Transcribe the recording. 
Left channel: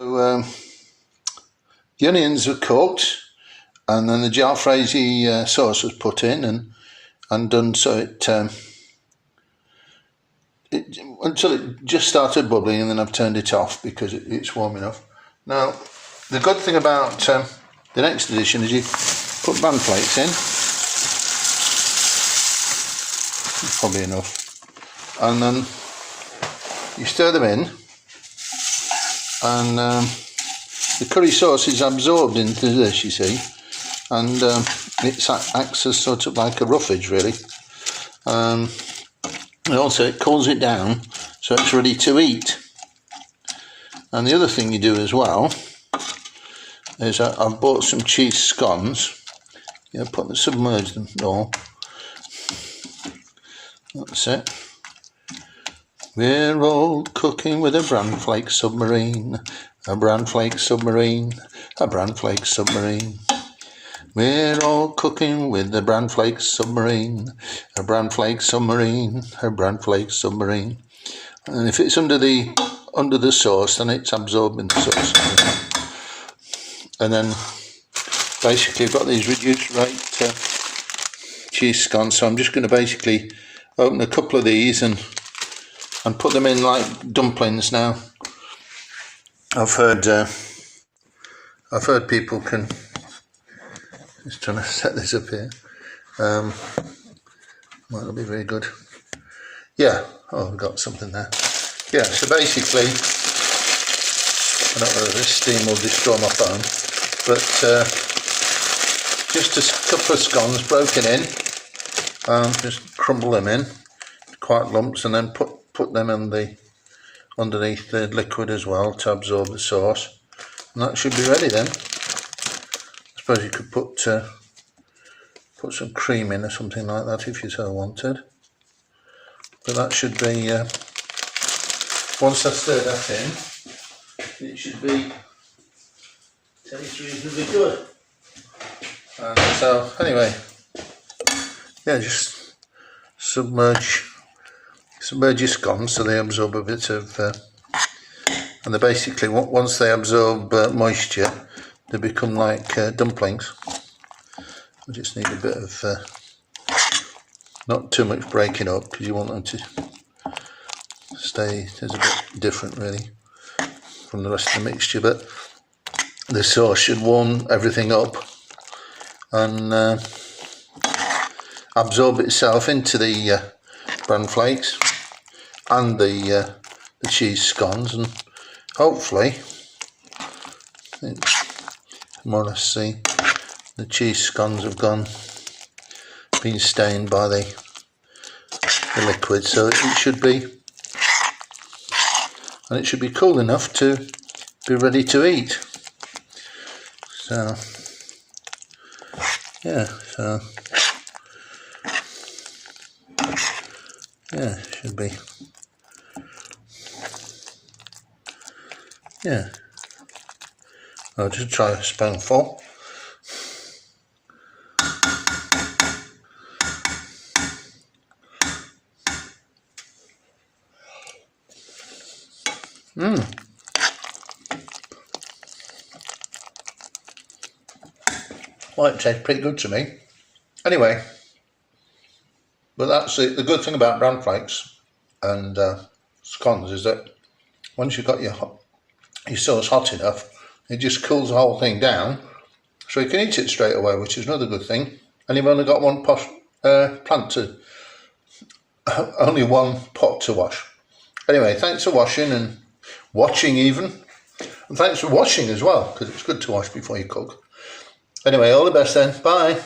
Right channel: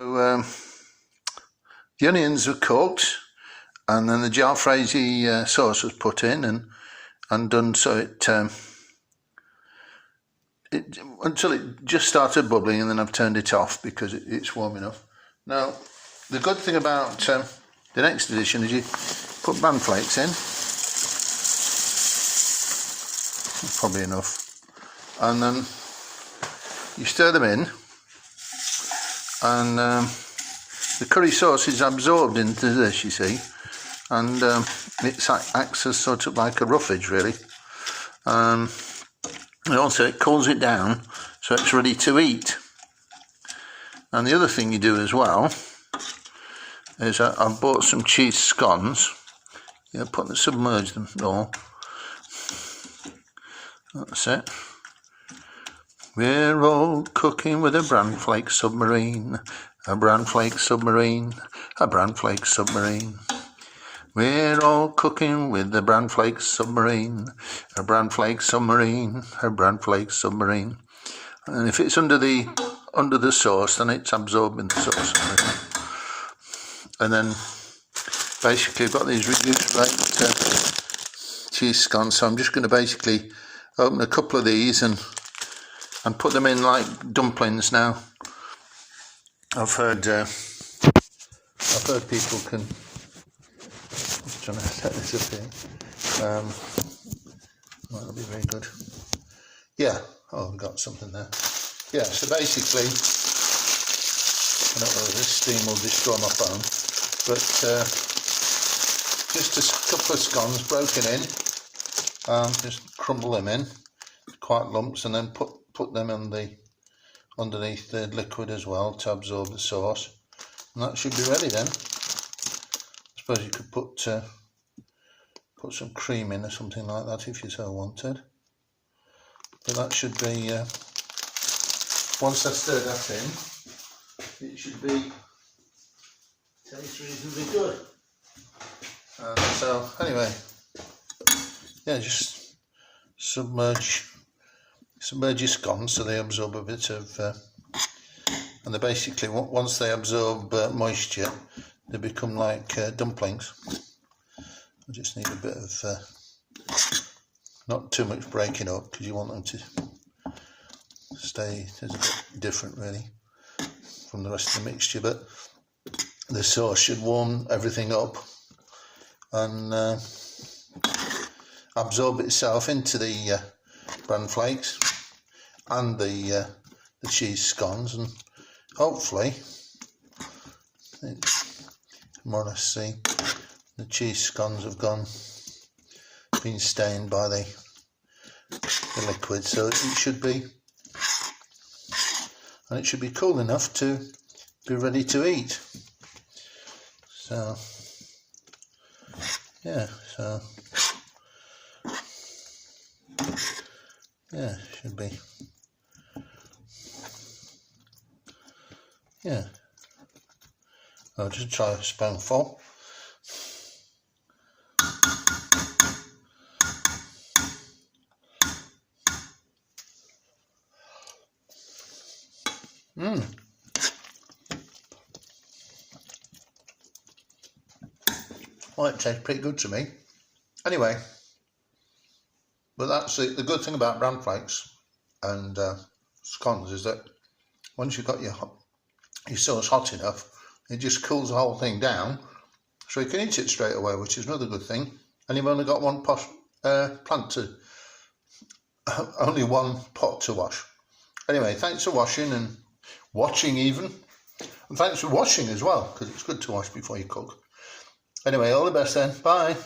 So, the onions are cooked, and then the jalfrezi sauce was put in and done so until it just started bubbling, and then I've turned it off because it's warm enough. Now, the good thing about the next edition is you put Bran flakes in. Probably enough, and then you stir them in, and the curry sauce is absorbed into this, you see, and it acts as sort of like a roughage, really. And also it cools it down so it's ready to eat. And the other thing you do as well is I've bought some cheese scones. Submerge them all. That's it. We're all cooking with a Bran flake submarine, a Bran flake submarine, a Bran flake submarine. We're all cooking with the Bran flake submarine, a Bran flake submarine, a Bran flake submarine. And if it's under the sauce, then it's absorbing the sauce. And then basically I've got these reduced rate cheese scones, so I'm just going to basically open a couple of these and put them in like dumplings. Now, I've heard people can. Just trying to set this up here. Might not be very good. Yeah. Oh, we've got something there. Yeah. So basically, I don't know if this steam will destroy my phone, but just a couple of scones broken in. Just crumble them in, quite lumps, and then put them in underneath the liquid as well to absorb the sauce, and that should be ready then. I suppose you could put some cream in or something like that if you so wanted, but that should be once I stir that in, it should taste reasonably good. So anyway, yeah, just submerge your scones so they absorb a bit of, and they basically, once they absorb moisture, they become like dumplings. We just need a bit of, not too much breaking up, because you want them to stay as a bit different really from the rest of the mixture, but the sauce should warm everything up and absorb itself into the Bran flakes and the cheese scones, and hopefully, more or less see the cheese scones have been stained by the liquid, so it should be, and it should be cool enough to be ready to eat. So yeah, should be. Yeah, I'll just try a spoonful. Well, it tastes pretty good to me. Anyway, but that's it. The good thing about Bran flakes and scones is that once you've got your sauce hot enough, it just cools the whole thing down, so you can eat it straight away, which is another good thing. And you've only got one only one pot to wash. Anyway, thanks for watching even, and thanks for washing as well, because it's good to wash before you cook. Anyway, all the best then. Bye.